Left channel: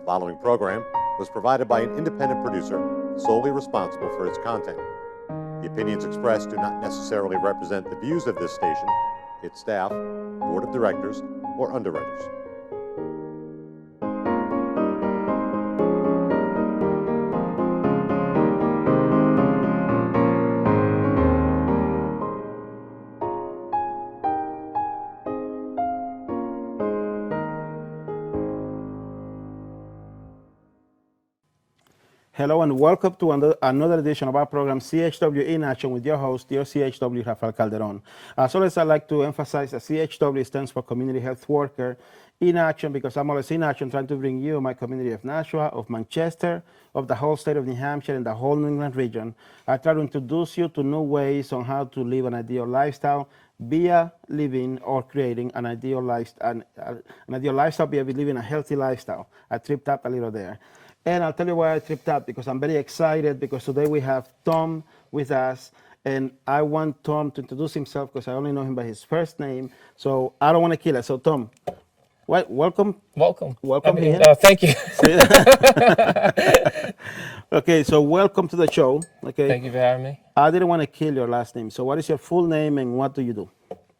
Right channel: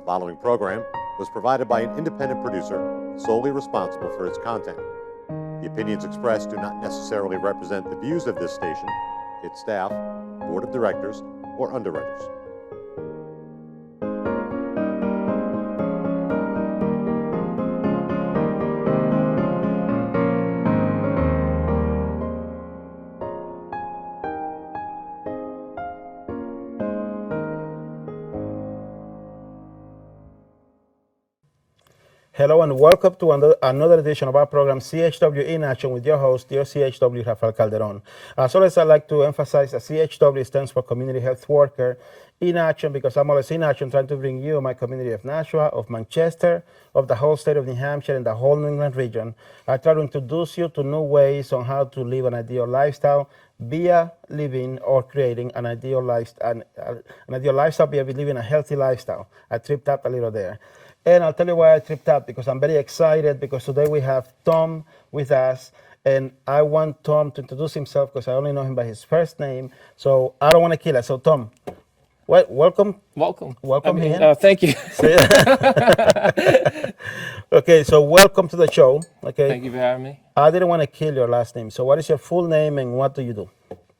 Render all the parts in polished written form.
The following program was provided by an independent producer solely responsible for its content. The opinions expressed do not necessarily represent the views of this station, its staff, board of directors, or underwriters. Hello and welcome to another edition of our program, CHW in Action, with your host, your CHW, Rafael Calderon. As always, I'd like to emphasize that CHW stands for Community Health Worker in Action, because I'm always in action trying to bring you my community of Nashua, of Manchester, of the whole state of New Hampshire, and the whole New England region. I try to introduce you to new ways on how to live an ideal lifestyle via living or creating an ideal lifestyle via living a healthy lifestyle. I tripped up a little there. And I'll tell you why I tripped up, because I'm very excited, because today we have Tom with us, and I want Tom to introduce himself because I only know him by his first name, so I don't want to kill it. So Tom, welcome. Welcome. Thank Thank you. Okay, so welcome to the show. Okay. Thank you for having me. I didn't want to kill your last name, so what is your full name and what do you do?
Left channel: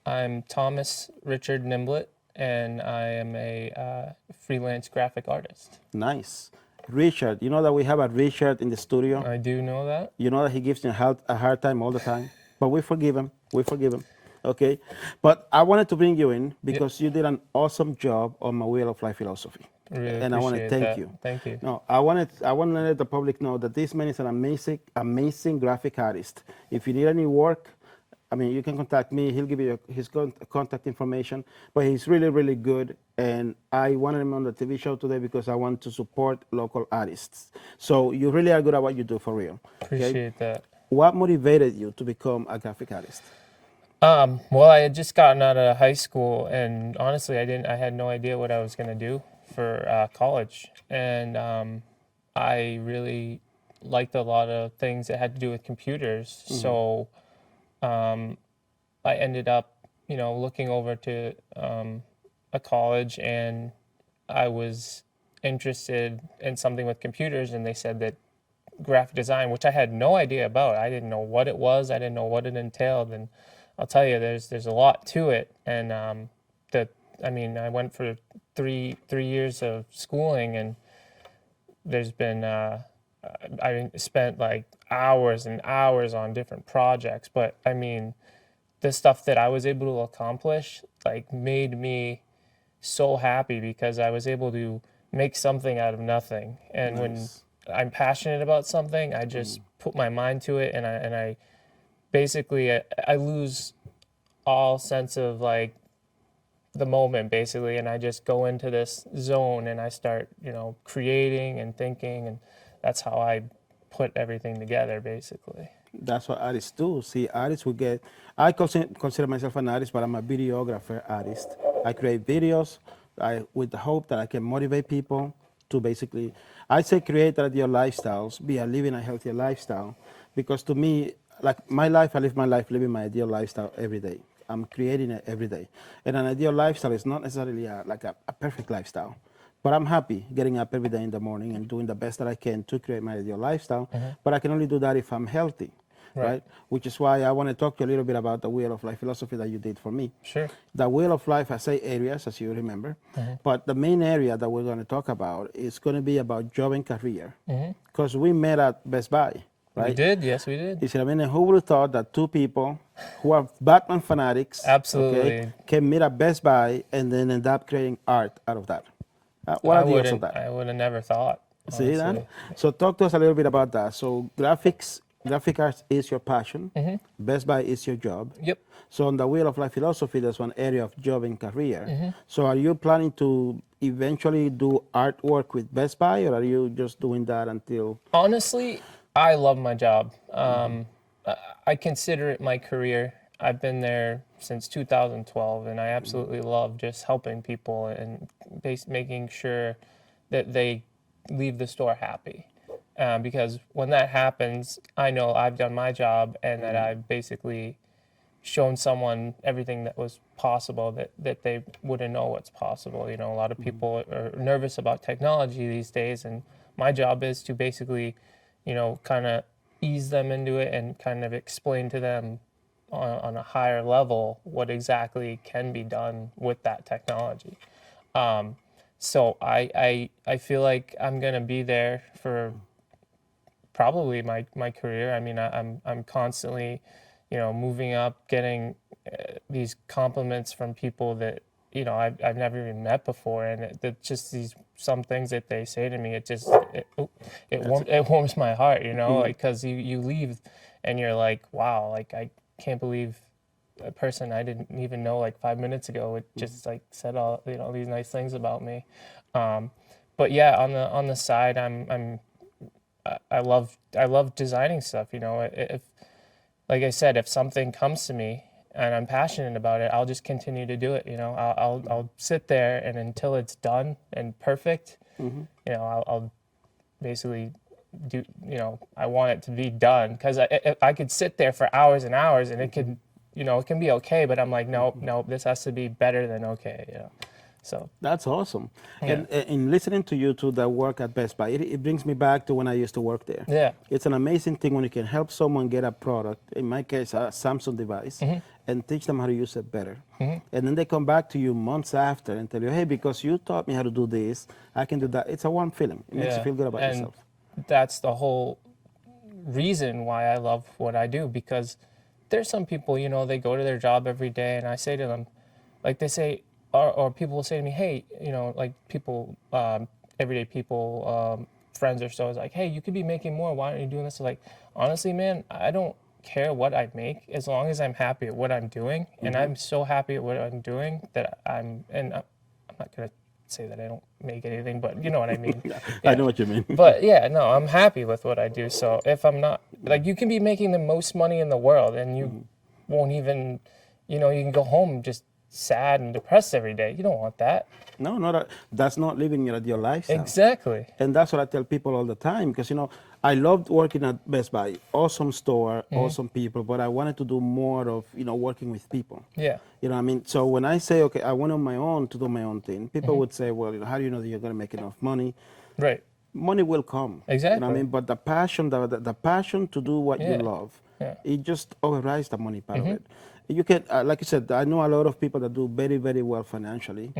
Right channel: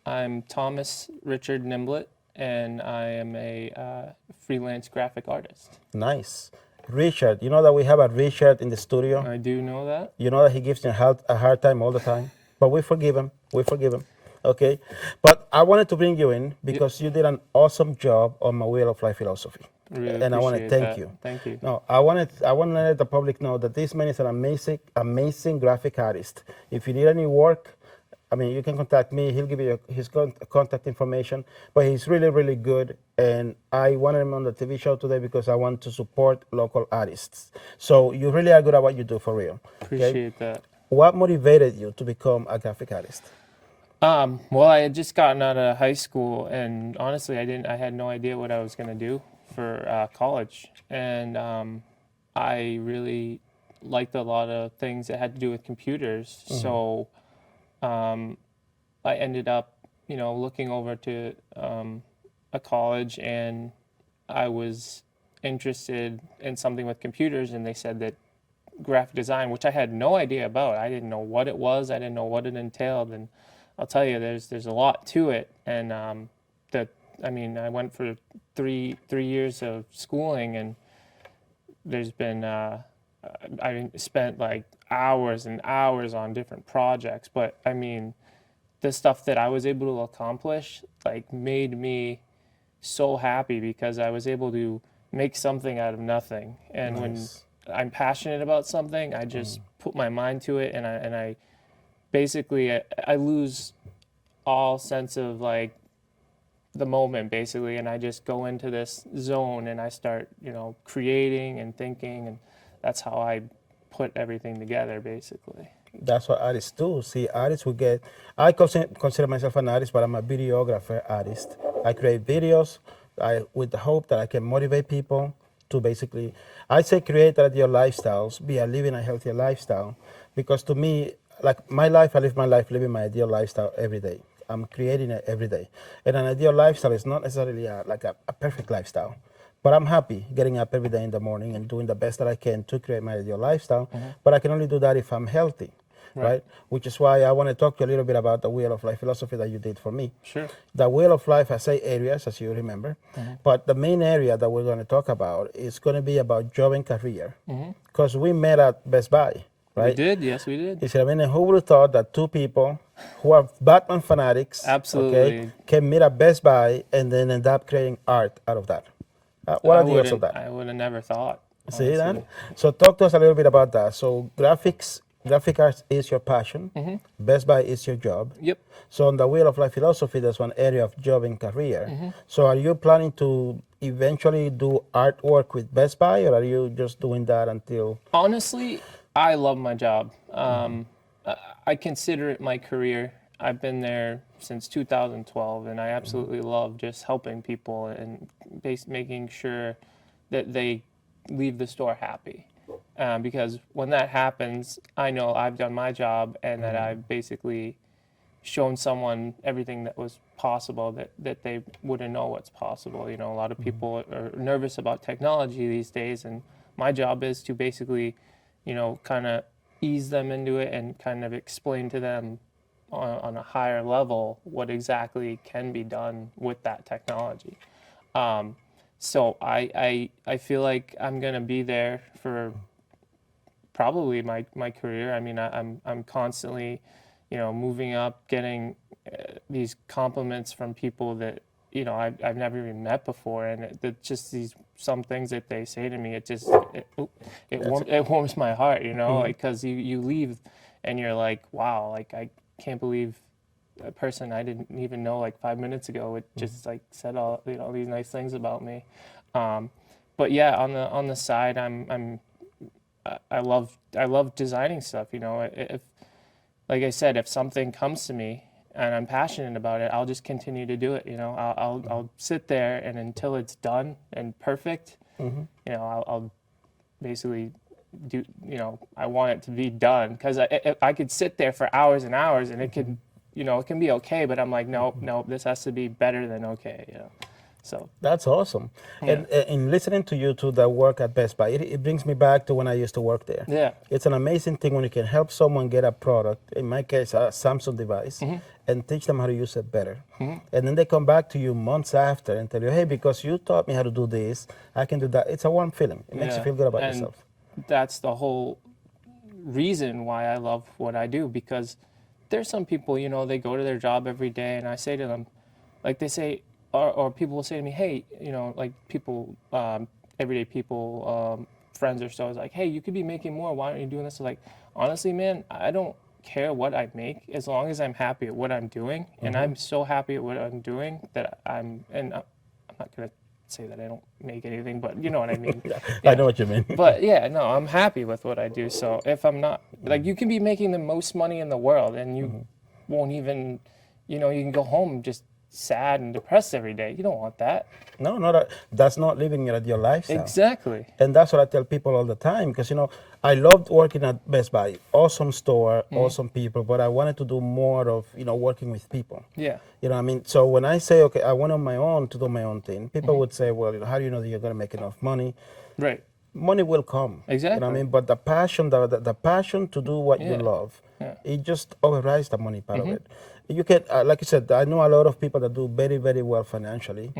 I'm Thomas Richard Nimblett, and I am a freelance graphic artist. Nice. Richard, you know that we have a Richard in the studio? I do know that. You know that he gives me a hard time all the time, but we forgive him. We forgive him. Okay? But I wanted to bring you in because you did an awesome job on my Wheel of Life philosophy. Really and I want to appreciate thank that. you. Thank you. No, I want to let the public know that this man is an amazing graphic artist. If you need any work, I mean, you can contact me. He'll give you his contact information. But he's really, really good. And I wanted him on the TV show today because I want to support local artists. So you really are good at what you do, for real. Appreciate that. What motivated you to become a graphic artist? Well, I had just gotten out of high school, and honestly, I had no idea what I was going to do for college. And I really liked a lot of things that had to do with computers. Mm-hmm. So I ended up, looking over to a college, and I was interested in something with computers, and they said that graphic design, which I had no idea about. I didn't know what it was. I didn't know what it entailed, and I'll tell you, there's a lot to it. And I went for three years of schooling, and there's been I spent like hours and hours on different projects, but I mean, the stuff that I was able to accomplish made me so happy, because I was able to make something out of nothing. And nice. When I'm passionate about something, I just put my mind to it, and I basically I lose all sense of the moment, basically, and I just go into this zone and I start creating and thinking, and that's how I put everything together, basically. That's what artists do. See, artists will get, I consider myself an artist, but I'm a videographer artist. I create videos with the hope that I can motivate people to basically, I say create ideal lifestyles, be living a healthier lifestyle, because to me, my life, I live my life living my ideal lifestyle every day. I'm creating it every day. And an ideal lifestyle is not necessarily a perfect lifestyle. But I'm happy getting up every day in the morning and doing the best that I can to create my ideal lifestyle. Mm-hmm. But I can only do that if I'm healthy, right? Which is why I want to talk to you a little bit about the Wheel of Life philosophy that you did for me. Sure. The Wheel of Life has 8 areas, as you remember. Mm-hmm. But the main area that we're going to talk about is going to be about job and career. Because we met at Best Buy, right? We did, yes, we did. You see what I mean? And who would have thought that two people who are Batman fanatics absolutely can meet at Best Buy and then end up creating art out of that? I would have never thought. See that? So talk to us a little bit about that. So graphic arts is your passion. Mm-hmm. Best Buy is your job. Yep. So on the Wheel of Life philosophy, there's one area of job and career. Mm-hmm. So are you planning to eventually do artwork with Best Buy, or are you just doing that until? Honestly, I love my job. I consider it my career. I've been there since 2012, and I absolutely love just helping people and making sure that they leave the store happy. Because when that happens, I know I've done my job and that I've basically shown someone everything that was possible, that they wouldn't know what's possible. You know, a lot of people are nervous about technology these days, and my job is to basically, you know, kind of ease them into it and kind of explain to them on a higher level what exactly can be done with that technology. So I feel like I'm gonna be there for probably my career. I mean, I'm constantly, you know, moving up, getting these compliments from people that, you know, I've never even met before, and just these some things that they say to me, it warms my heart, you know, like, because you leave and you're like, wow, like I can't believe a person I didn't even know like 5 minutes ago would just like said all, you know, these nice things about me. But yeah, on the side, I love designing stuff. You know, if, like I said, if something comes to me and I'm passionate about it, I'll just continue to do it. You know, I'll sit there, and until it's done and perfect, you know, I'll basically do. You know, I want it to be done, because I could sit there for hours and hours, and it could, you know, it can be okay, but I'm like, no, this has to be better than okay. You know. So That's awesome. Yeah. And in listening to you to that work at Best Buy, it brings me back to when I used to work there. Yeah. It's an amazing thing when you can help someone get a product, in my case, a Samsung device, and teach them how to use it better. And then they come back to you months after and tell you, hey, because you taught me how to do this, I can do that. It's a warm feeling. It makes you feel good about and yourself. that's the whole reason why I love what I do, because there's some people, you know, they go to their job every day, and I say to them, like, they say, or people will say to me, hey, you know, like people, everyday people, friends or so, is like, hey, you could be making more. Why aren't you doing this? Like, honestly, man, I don't care what I make as long as I'm happy at what I'm doing. And I'm so happy at what I'm doing that I'm not going to say that I don't make anything, but you know what I mean. I know what you mean. But yeah, no, I'm happy with what I do. So if I'm not, like, you can be making the most money in the world, and you won't even, you know, you can go home just sad and depressed every day. You don't want that. No, that's not living your lifestyle. Exactly. And that's what I tell people all the time, because, you know, I loved working at Best Buy. Awesome store, awesome people, but I wanted to do more of, you know, working with people. Yeah. You know what I mean? So when I say, okay, I went on my own to do my own thing, people would say, well, you know, how do you know that you're going to make enough money? Right. Money will come. Exactly. You know what I mean? But the passion, the passion to do what you love, it just overrides the money part of it. You can, like I said, I know a lot of people that do very, very well financially,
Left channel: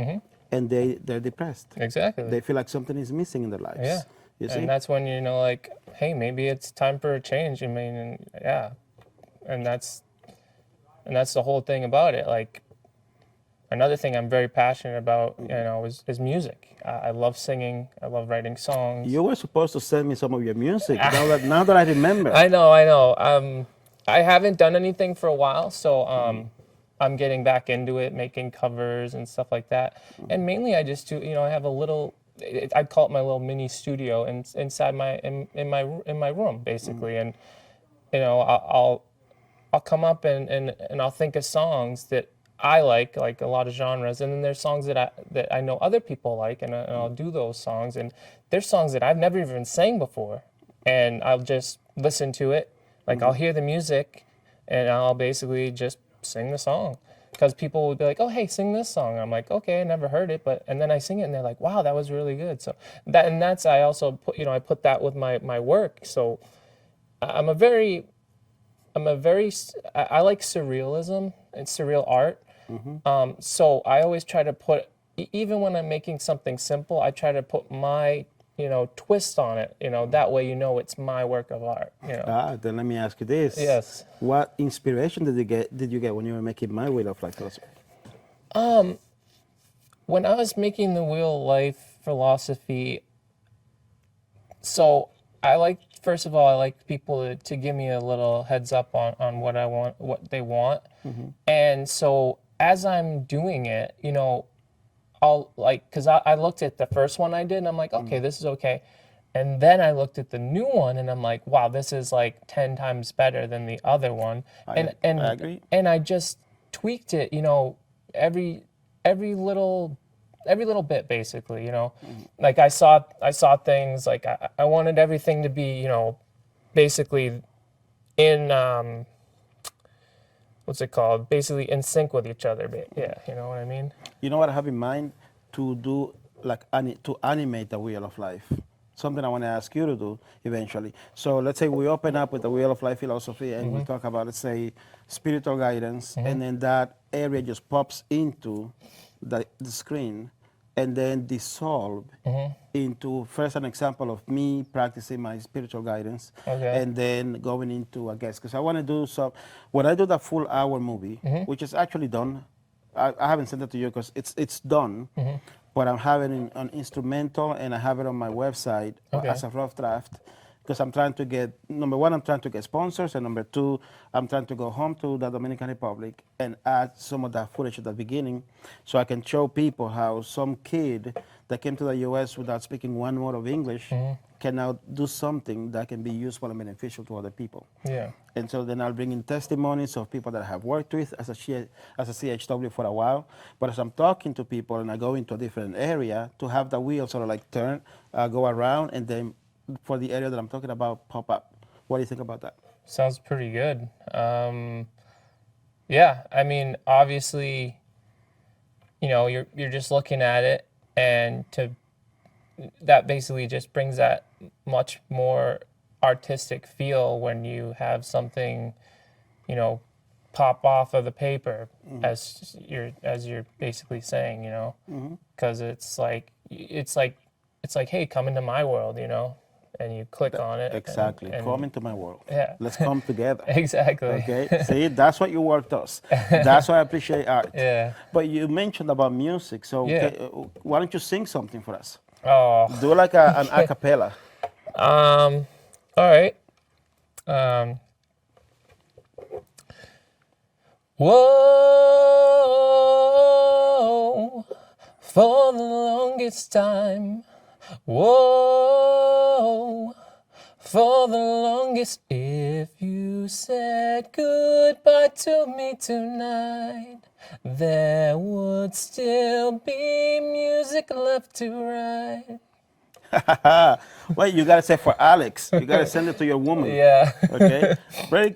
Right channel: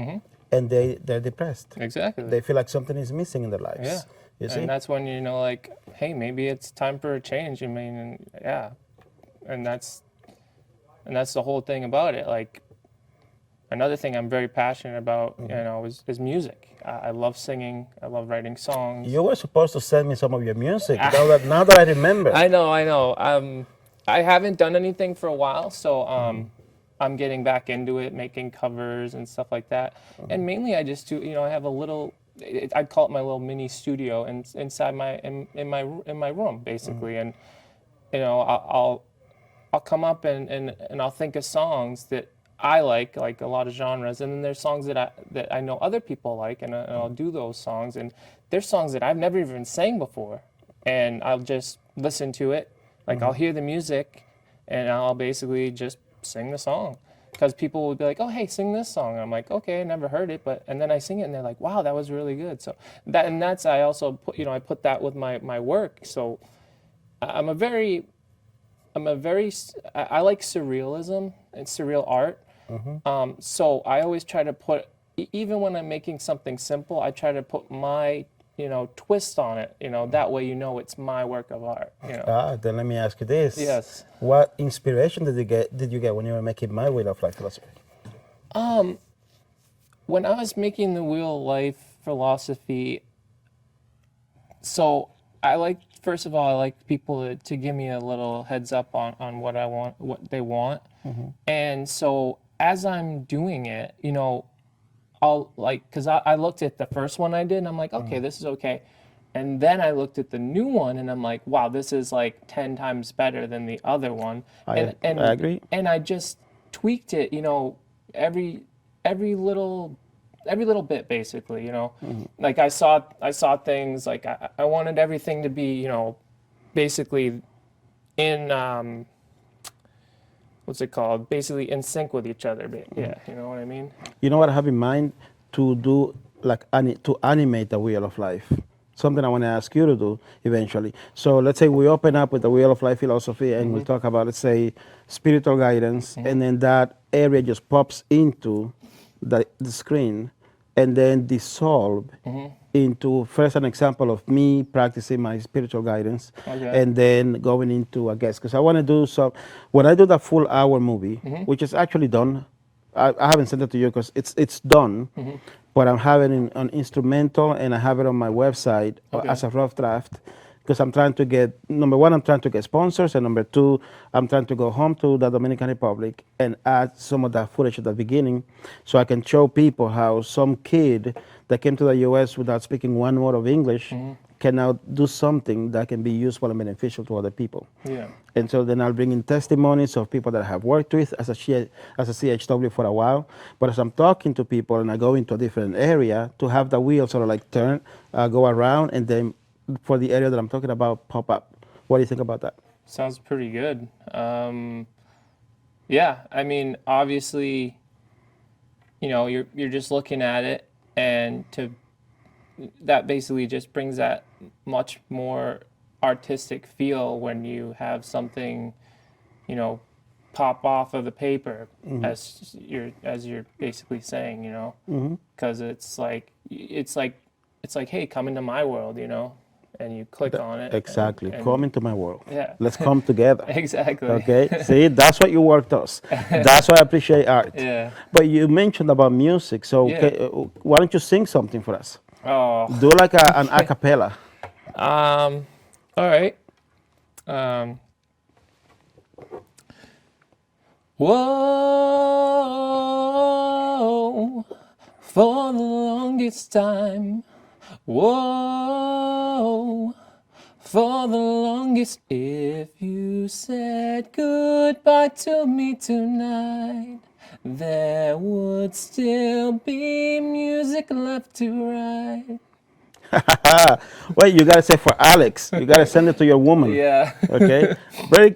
and they're depressed. Exactly. They feel like something is missing in their lives. Yeah. You see? And that's when, you know, like, hey, maybe it's time for a change. I mean, and that's the whole thing about it. Like, another thing I'm very passionate about, you know, is music. I love singing. I love writing songs. You were supposed to send me some of your music. Now that I remember. I know. I haven't done anything for a while, so I'm getting back into it, making covers and stuff like that. And mainly, I just do, you know, I have a little, I'd call it my little mini studio inside in my room, basically. And you know, I'll come up and I'll think of songs that I like a lot of genres, and then there's songs that I know other people like, and I'll do those songs. And there's songs that I've never even sang before, and I'll just listen to it. Like, I'll hear the music, and I'll basically just sing the song, because people would be like, oh, hey, sing this song. And I'm like, okay, I never heard it, and then I sing it, and they're like, wow, that was really good. So that's I also put, you know, I put that with my work. So I like surrealism and surreal art. So I always try to put, even when I'm making something simple, I try to put my, you know, twist on it. You know, that way, you know, it's my work of art. You know. Then let me ask you this. Yes. What inspiration did you get when you were making My Wheel of Life philosophy? When I was making the Wheel of Life philosophy, so first of all, I like people to give me a little heads up on what I want, what they want. And so as I'm doing it, you know, I'll because I looked at the first one I did, and I'm like, okay, this is okay. And then I looked at the new one, and I'm like, wow, this is like 10 times better than the other one. I agree. And I just tweaked it, you know, every little bit, basically, you know. Like, I saw things, like I wanted everything to be, you know, basically in what's it called? Basically in sync with each other. Yeah, you know what I mean? You know what I have in mind? To do like to animate the wheel of life. Something I want to ask you to do eventually. So let's say we open up with the wheel of life philosophy and we talk about, let's say, spiritual guidance, and then that area just pops into the screen and then dissolve into first an example of me practicing my spiritual guidance, Okay. and then going into a guest, because I want to do so. When I do the full hour movie, which is actually done, I haven't sent it to you because it's done, but I'm having it on instrumental and I have it on my website Okay. as a rough draft, because I'm trying to get, number one, I'm trying to get sponsors, and number two, I'm trying to go home to the Dominican Republic and add some of that footage at the beginning so I can show people how some kid that came to the US without speaking one word of English can now do something that can be useful and beneficial to other people. Yeah. And so then I'll bring in testimonies of people that I have worked with as a CHW for a while. But as I'm talking to people and I go into a different area, to have the wheel sort of like turn, go around, and then for the area that I'm talking about, pop up. What do you think about that? Sounds pretty good. Yeah, I mean, obviously, you know, you're just looking at it, and that basically just brings that much more artistic feel when you have something, you know, pop off of the paper, as you're basically saying, you know, because it's like hey, come into my world, you know, and you click on it. Exactly. And Come into my world. yeah. Let's come together. Exactly. Okay. See, that's what your work does. That's why I appreciate art. Yeah. But you mentioned about music, so Yeah. why don't you sing something for us? Oh. Do like an a cappella. All right. Whoa, for the longest time. Whoa, for the longest. If you said goodbye to me tonight, there would still be music left to write. Wait, you gotta say for Alex. You gotta send it to your woman. Yeah. Okay. Very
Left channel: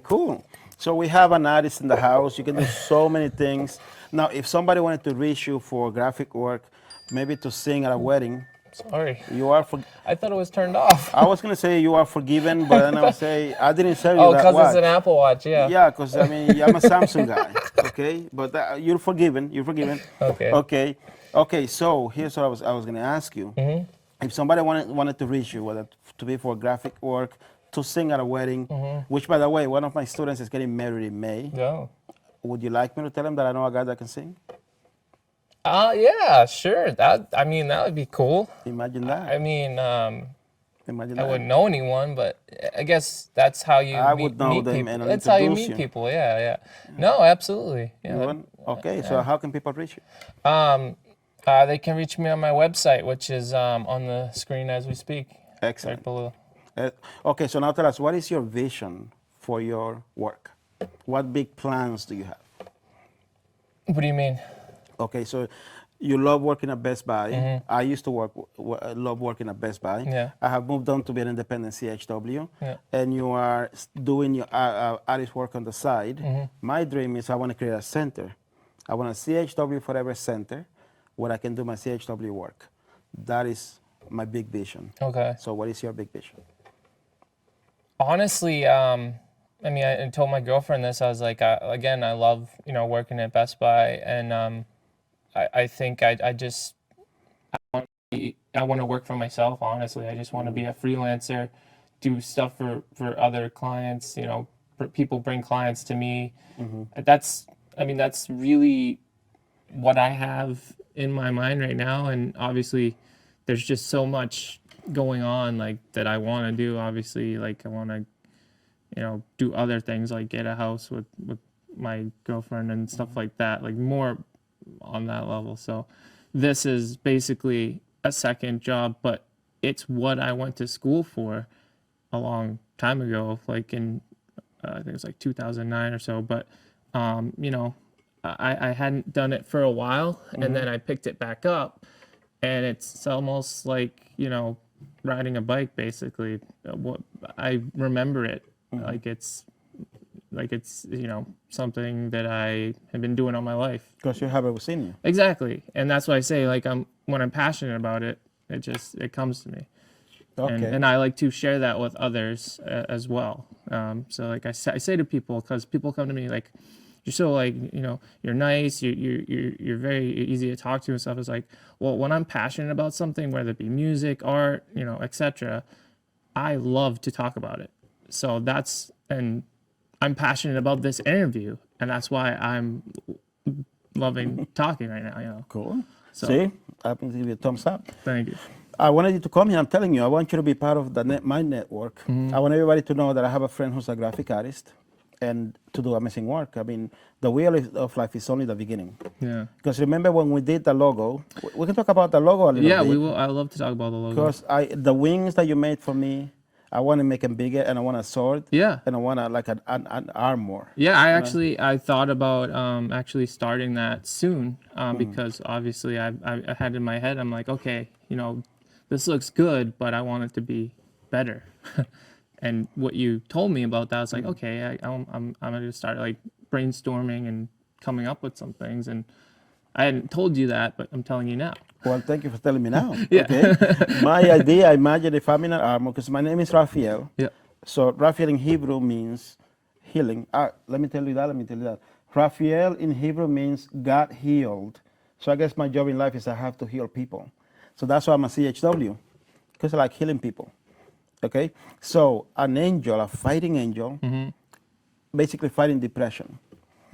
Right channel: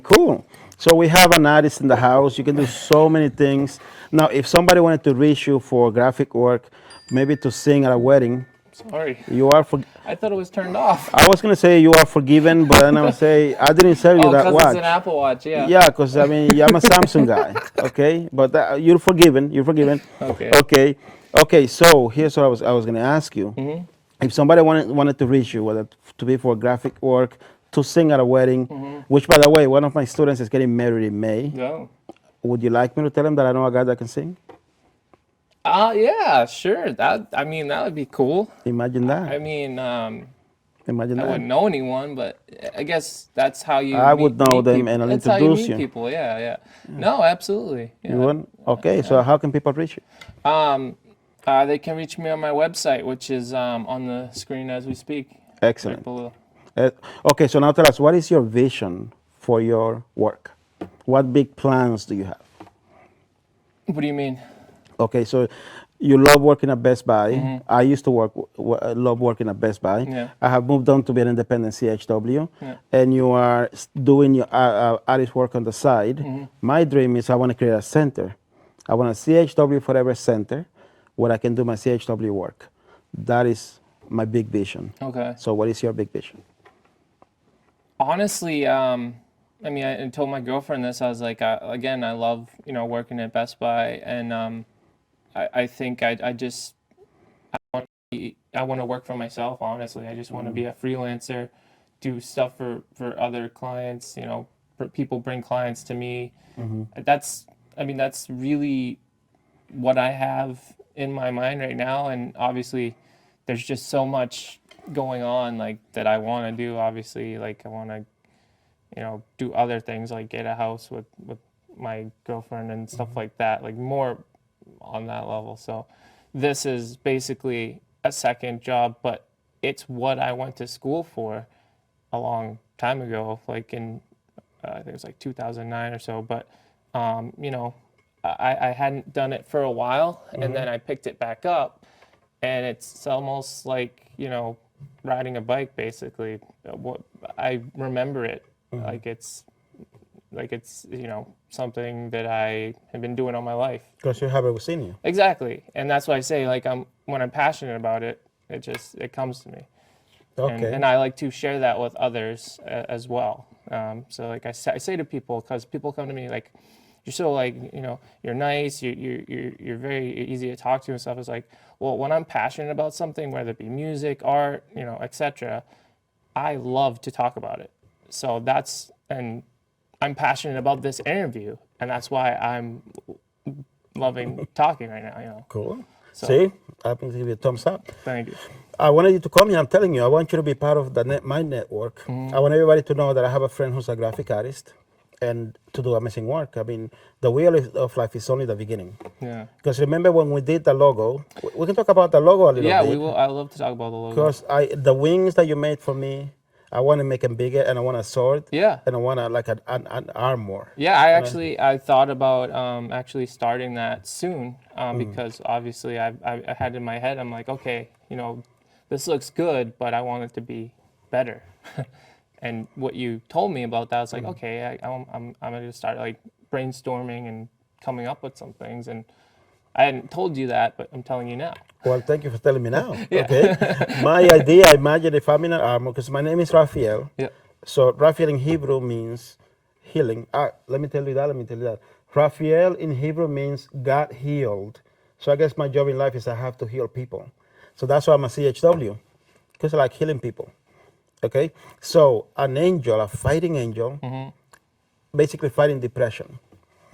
cool. So we have an artist in the house. You can do so many things. Now, if somebody wanted to reach you for graphic work, maybe to sing at a wedding, Sorry. you are. I thought it was turned off. I was gonna say you are forgiven, but then I'll say I didn't say you Oh, that because it's an watch. Apple Watch, yeah. Yeah, because I mean, I'm a Samsung guy. Okay, but you're forgiven. You're forgiven. Okay. Okay. Okay. So here's what I was gonna ask you. If somebody wanted to reach you, whether to be for graphic work, to sing at a wedding, which, by the way, one of my students is getting married in May. No. Would you like me to tell him that I know a guy that can sing? Yeah, sure. That would be cool. Imagine that. I mean, Imagine I that. wouldn't know anyone, but I guess that's how you I meet, would know meet them people. and I'll That's how you introduce meet you. people. Yeah, yeah. No, absolutely. You Yeah. wouldn't? Okay. So how can people reach you? They can reach me on my website, which is on the screen as we speak, Excellent. right below. Okay. So now tell us, what is your vision for your work? What big plans do you have? What do you mean? Okay, so you love working at Best Buy. I used to love working at Best Buy. Yeah. I have moved on to be an independent CHW, Yeah. and you are doing your artist work on the side. My dream is I want to create a center. I want a CHW Forever Center where I can do my CHW work. That is my big vision. Okay. So what is your big vision? Honestly, I mean, I told my girlfriend this. I was like, again, I love, you know, working at Best Buy, and I think I want to work for myself. Honestly, I just want to be a freelancer, do stuff for other clients. You know, people bring clients to me. That's really what I have in my mind right now. And obviously, there's just so much going on like that I want to do. Obviously, like I want to, you know, do other things like get a house with my girlfriend and stuff like that, like more on that level. So this is basically a second job, but it's what I went to school for a long time ago, like in I think it was like 2009 or so. But you know, I hadn't done it for a while, and then I picked it back up, and it's almost like, you know, riding a bike basically. What I remember it like it's like it's, you know, something that I have been doing all my life. Because you have it within you. Exactly. And that's why I say, like, when I'm passionate about it, it comes to me. Okay. And I like to share that with others as well. So like I say to people, because people come to me like, you're so like, you know, you're nice, you're very easy to talk to and stuff. It's like, well, when I'm passionate about something, whether it be music, art, you know, etc., I love to talk about it. So and I'm passionate about this interview, and that's why I'm loving talking right now, you know. Cool. So- See, I'm going to give you a thumbs up. Thank you. I wanted you to come here. I'm telling you, I want you to be part of my network. Mm-hmm. I want everybody to know that I have a friend who's a graphic artist and to do amazing work. I mean, the wheel of life is only the beginning. Yeah. Because remember when we did the logo, we can talk about the logo a little Yeah, bit. we will. I love to talk about the logo. Because the wings that you made for me, I want to make them bigger, and I want a sword. Yeah. And I want like an armor. Yeah, I thought about actually starting that soon because obviously I had in my head, I'm like, okay, you know, this looks good, but I want it to be better. And what you told me about that, I was like, okay, I'm gonna start like brainstorming and coming up with some things. And I hadn't told you that, but I'm telling you now. Well, thank you for telling me now. Yeah. Okay. My idea, I imagine if I'm in an armor, because my name is Rafael. Yeah. So Rafael in Hebrew means healing. Let me tell you that. Rafael in Hebrew means God healed. So I guess my job in life is I have to heal people. So that's why I'm a CHW, because I like healing people. Okay? So an angel, a fighting angel, basically fighting depression.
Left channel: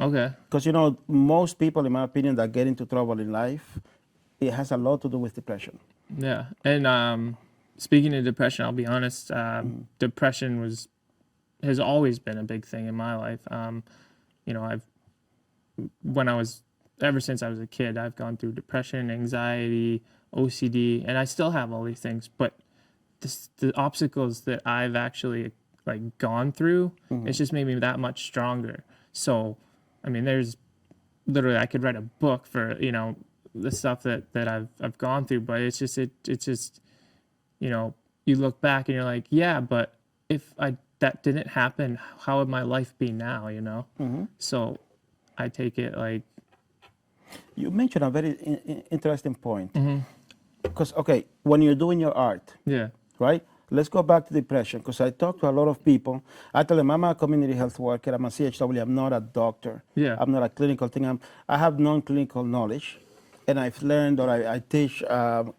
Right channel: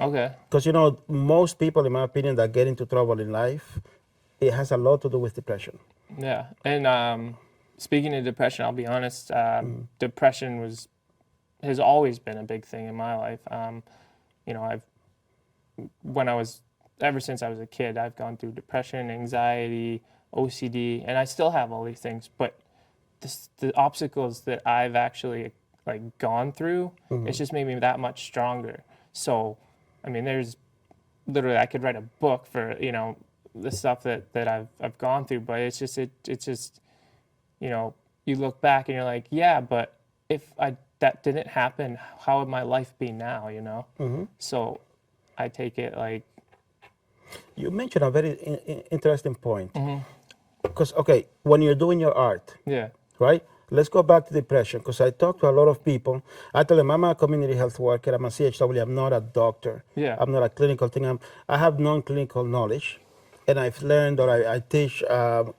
Okay. Because, you know, most people, in my opinion, that get into trouble in life, it has a lot to do with depression. Yeah. And speaking of depression, I'll be honest, depression has always been a big thing in my life. You know, ever since I was a kid, I've gone through depression, anxiety, OCD, and I still have all these things. But the obstacles that I've actually like gone through, it's just made me that much stronger. So, I mean, there's literally, I could write a book for, you know, the stuff that I've gone through, but it's just, you know, you look back and you're like, yeah, but if that didn't happen, how would my life be now, you know? So I take it like. You mentioned a very interesting point. Because, okay, when you're doing your art, Yeah. right? Let's go back to depression, because I talk to a lot of people. I tell them I'm a community health worker, I'm a CHW, I'm not a doctor. Yeah. I'm not a clinical thing. I have non-clinical knowledge, and I've learned, or I teach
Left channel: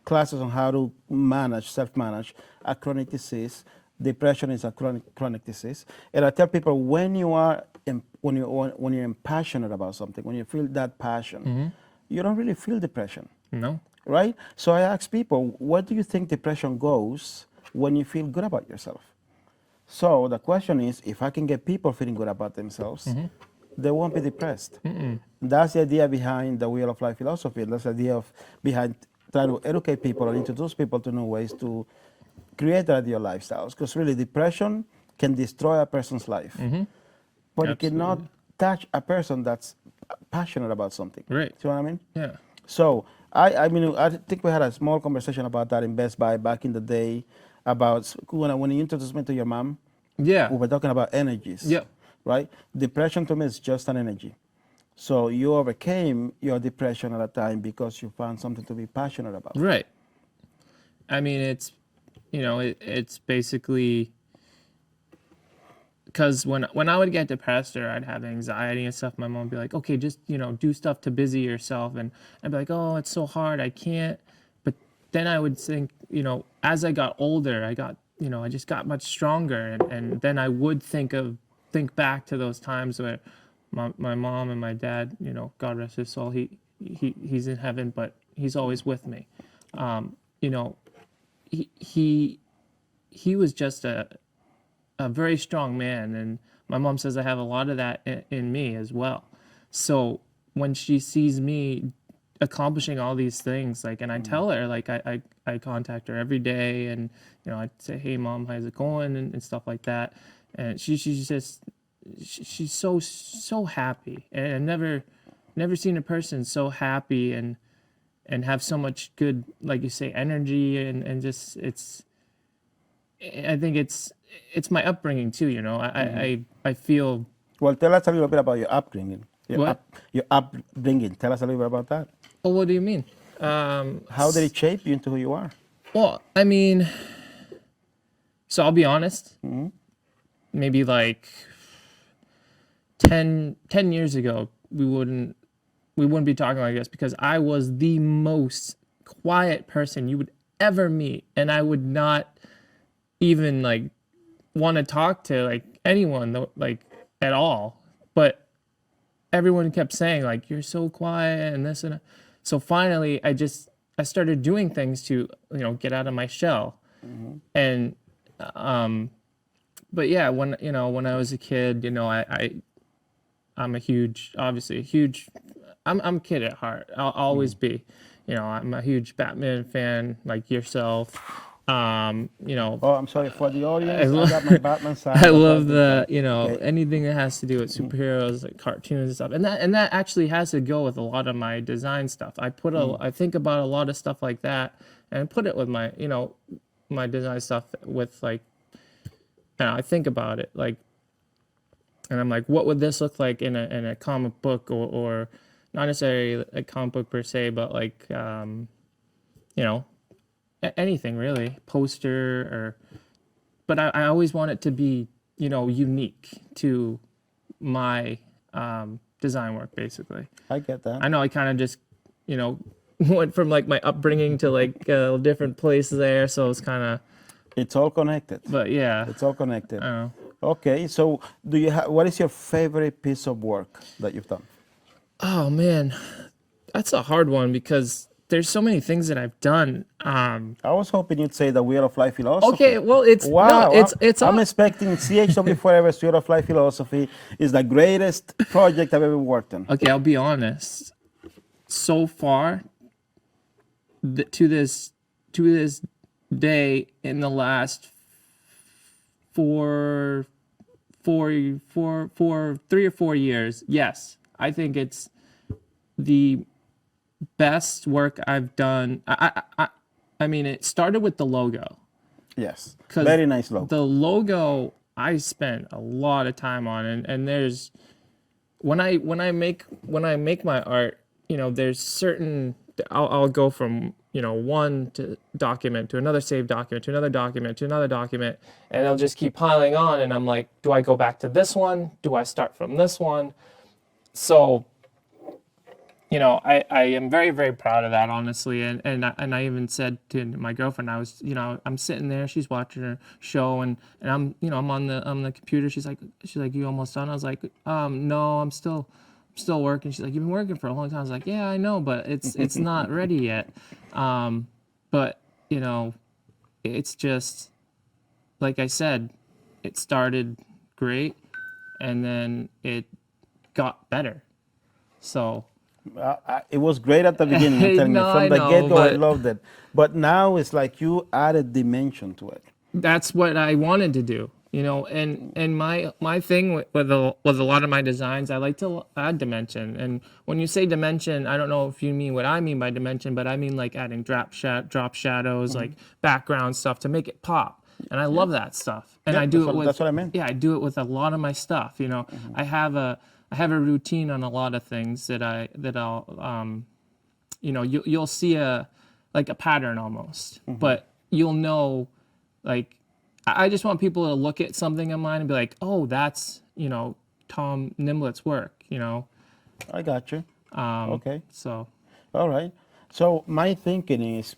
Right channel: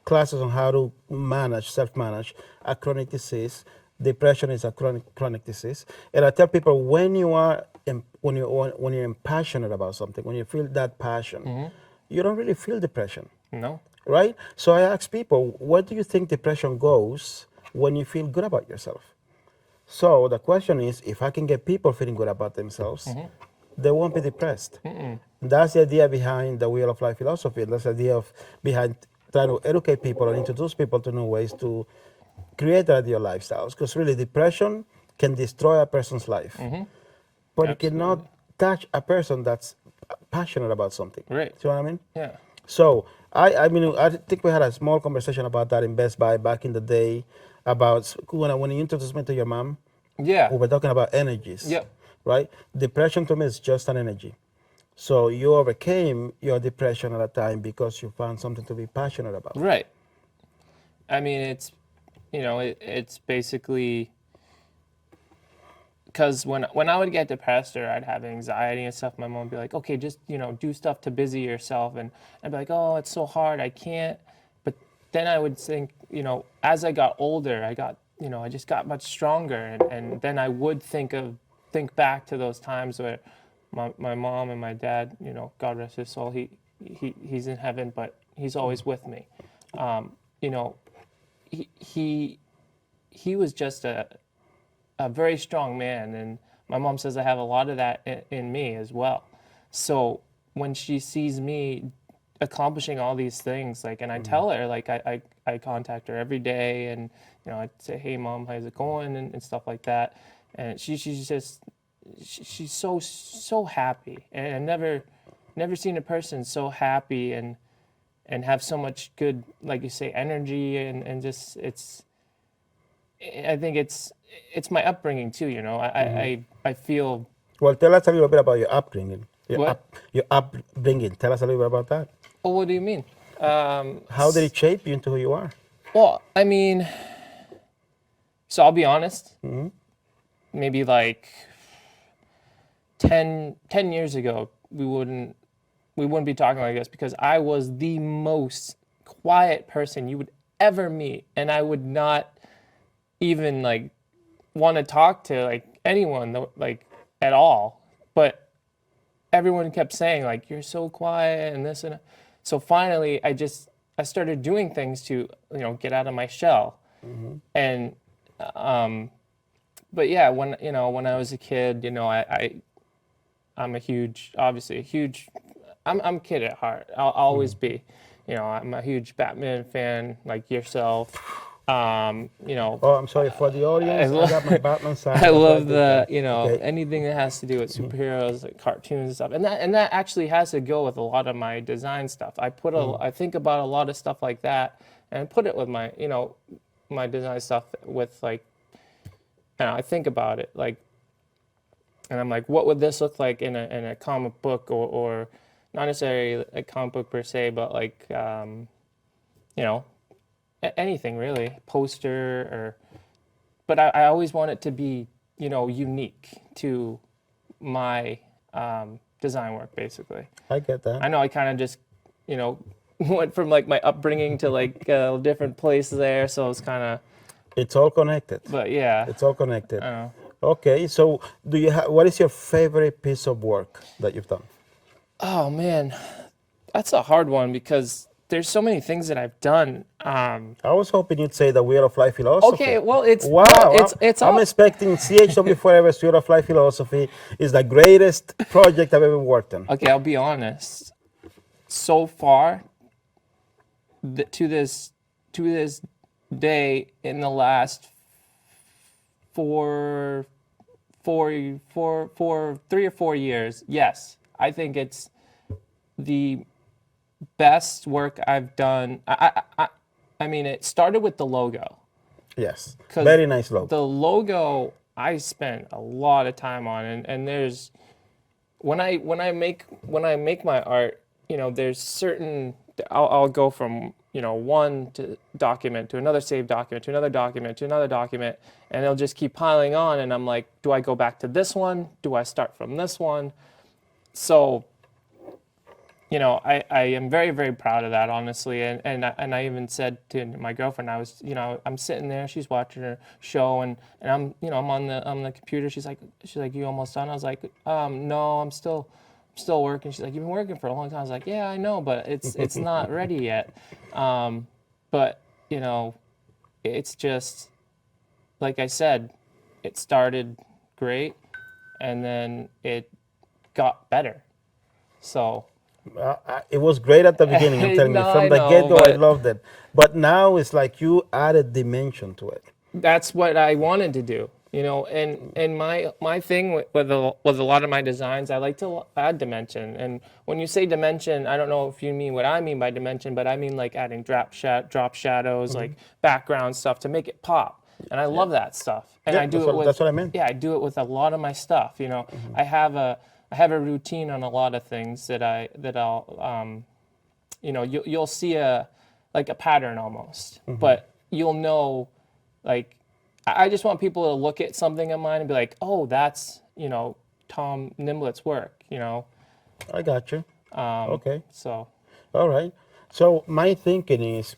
classes on how to self-manage a chronic disease. Depression is a chronic disease. And I tell people, when you're passionate about something, when you feel that passion, you don't really feel depression. No. Right? So I ask people, where do you think depression goes when you feel good about yourself? So the question is, if I can get people feeling good about themselves, they won't be depressed. That's the idea behind the Wheel of Life philosophy. That's the idea behind trying to educate people and introduce people to new ways to create ideal lifestyles. Because really, depression can destroy a person's life, but it cannot touch a person that's passionate about something. Right. See what I mean? Yeah. So I mean, I think we had a small conversation about that in Best Buy back in the day, about when you introduced me to your mom. Yeah. We were talking about energies. Yep. Right? Depression to me is just an energy. So you overcame your depression at a time because you found something to be passionate about. Right. I mean, it's, you know, it's basically because when I would get depressed or I'd have anxiety and stuff, my mom would be like, okay, just, you know, do stuff to busy yourself. And I'd be like, oh, it's so hard, I can't. But then I would think, you know, as I got older, I just got much stronger. And then I would think back to those times where my mom and my dad, you know, God rest his soul, he's in heaven, but he's always with me. You know, he was just a very strong man, and my mom says I have a lot of that in me as well. So when she sees me accomplishing all these things, like, and I tell her, like, I contact her every day, and, you know, I'd say, hey mom, how's it going, and stuff like that, and she's so happy, and I've never seen a person so happy and have so much good, like you say, energy, and just I think it's my upbringing too, you know. I feel. Well, tell us a little bit about your upbringing. What? Your upbringing. Tell us a little bit about that. Oh, what do you mean? How did it shape you into who you are? Well, I mean, so I'll be honest. Maybe like 10 years ago, we wouldn't be talking like this because I was the most quiet person you would ever meet, and I would not even like want to talk to like anyone like at all. But everyone kept saying like, you're so quiet and this and that. So finally I started doing things to, get out of my shell. And but yeah, when I was a kid, I'm I'm a kid at heart. I'll always be. I'm a huge Batman fan like yourself. Oh, I'm sorry for the audience. I I got my Batman sign. I love the Okay. anything that has to do with superheroes, like cartoons and stuff, and that actually has to go with a lot of my design stuff. I think about a lot of stuff like that, and put it with my my design stuff with like, I think about it like, and I'm like, what would this look like in a comic book or not necessarily a comic book per se, but like anything really, poster or. But I always want it to be, unique to my design work, basically. I get that. I know I kind of just, went from like my upbringing to like a different place there, so it's kind of. It's all connected. But yeah. It's all connected. I don't know. Okay, so what is your favorite piece of work that you've done? Oh man, that's a hard one because there's so many things that I've done. I was hoping you'd say the Wheel of Life philosophy. Okay, well it's Wow, no, it's I'm all. expecting CHW Forever's Wheel of Life philosophy is the greatest project I've ever worked on. Okay, I'll be honest. So far, to this day, in the last 3 or 4 years, yes, I think it's the best work I've done. I mean, it started with the logo. Yes, 'Cause very nice logo. The logo I spent a lot of time on, and there's when I make my art, there's certain I'll go from one document to another saved document to another document to another document, and they'll just keep piling on, and I'm like, do I go back to this one? Do I start from this one? So. I am very, very proud of that, honestly. And I even said to my girlfriend, I'm sitting there, she's watching her show, and I'm on the computer. She's like, you almost done? I was like, no, I'm still working. She's like, you've been working for a long time. I was like, yeah, I know, but it's not ready yet. But it's just like I said, it started great, and then it got better. So. It was great at the beginning. I'm telling you, No, from I the know, get-go, I but- loved it. But now it's like you added dimension to it. That's what I wanted to do, and my thing with a lot of my designs, I like to add dimension. And when you say dimension, I don't know if you mean what I mean by dimension, but I mean like adding drop shadows, like background stuff to make it pop. And I love that stuff. And I do it with that's what I meant. Yeah, I do it with a lot of my stuff. I have a routine on a lot of things that I'll you'll see a pattern almost, but you'll know, like, I just want people to look at something of mine and be like, oh, that's Tom Nimblett's work. I got you. Okay. So All right. So my thinking is,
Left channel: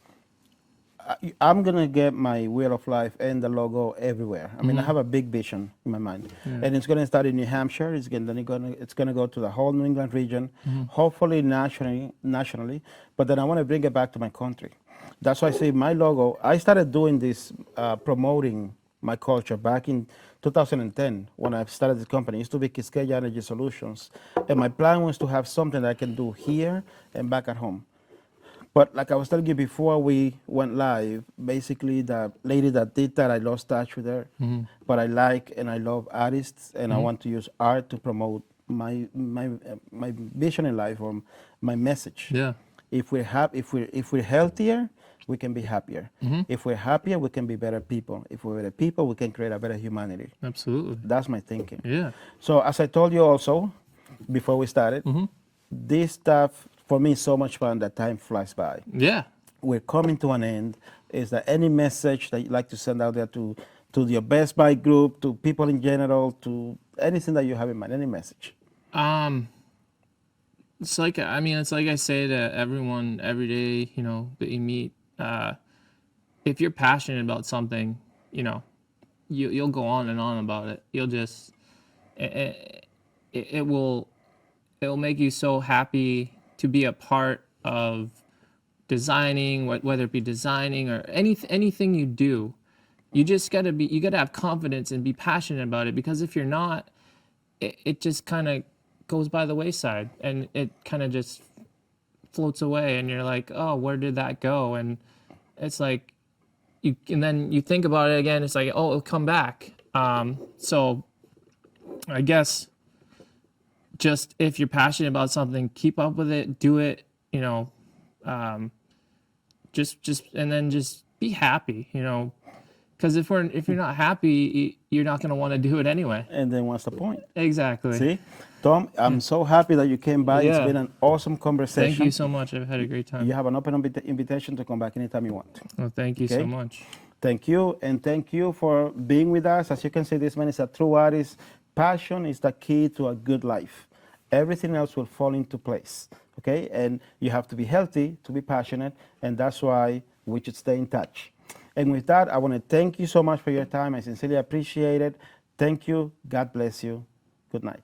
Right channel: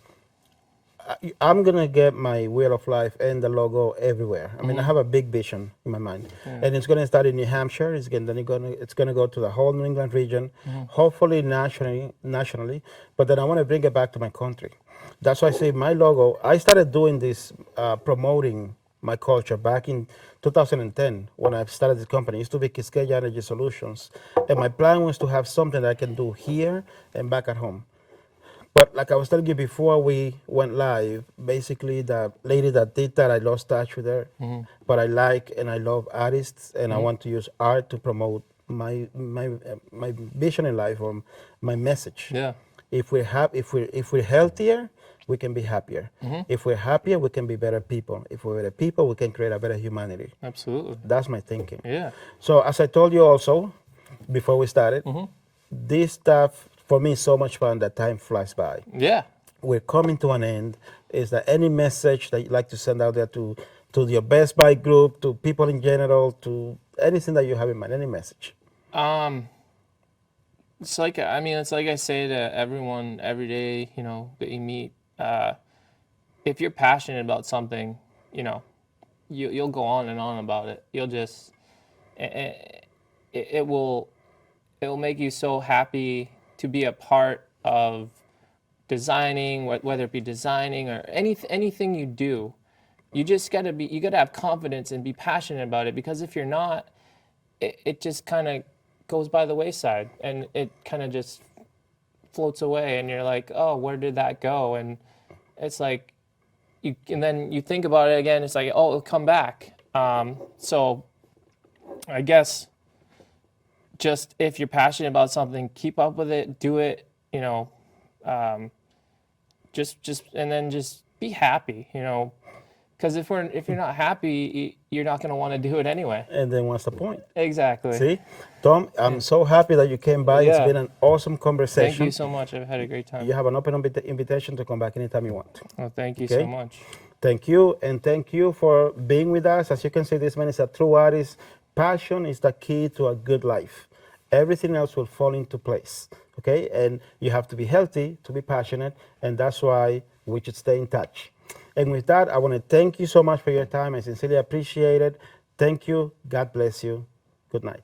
I'm gonna get my Wheel of Life and the logo everywhere. I mean, I have a big vision in my mind, and it's gonna start in New Hampshire. It's gonna go to the whole New England region, hopefully nationally. But then I want to bring it back to my country. That's why I say my logo. I started doing this, promoting my culture back in 2010 when I started the company. It used to be Quisqueya Energy Solutions, and my plan was to have something that I can do here and back at home. But like I was telling you before we went live, basically the lady that did that, I lost touch with her. But I like and I love artists, and I want to use art to promote my vision in life or my message. yeah, If we're healthier, we can be happier. If we're happier, we can be better people. If we're better people, we can create a better humanity. Absolutely. That's my thinking. Yeah. So as I told you also, before we started, this stuff, for me, is so much fun that time flies by. Yeah. We're coming to an end. Is there any message that you'd like to send out there to your Best Buy group, to people in general, to anything that you have in mind, any message? It's like I say to everyone every day, that you meet. If you're passionate about something, you'll go on and on about it. You'll just it'll make you so happy to be a part of designing, whether it be designing or anything you do. You just gotta have confidence and be passionate about it, because if you're not, it just kind of goes by the wayside and it kind of just floats away, and you're like, oh, where did that go? And it's like, and then you think about it again, it's like, oh, it'll come back. So I guess just if you're passionate about something, keep up with it, do it, and then just be happy, because if you're not happy, you're not going to want to do it anyway. And then what's the point? Exactly. See? Tom, I'm so happy that you came by. Yeah. It's been an awesome conversation. Thank you so much. I've had a great time. You have an open invitation to come back anytime you want. Well, thank you so Okay. much. Thank you, and thank you for being with us. As you can see, this man is a true artist. Passion is the key to a good life. Everything else will fall into place, okay? And you have to be healthy to be passionate, and that's why we should stay in touch. And with that, I want to thank you so much for your time. I sincerely appreciate it. Thank you. God bless you. Good night.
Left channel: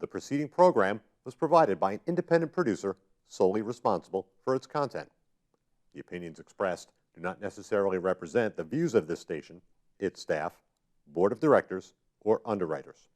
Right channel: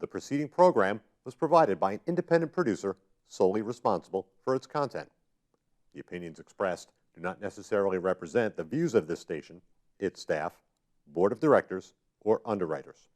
The preceding program was provided by an independent producer solely responsible for its content. The opinions expressed do not necessarily represent the views of this station, its staff, board of directors, or underwriters.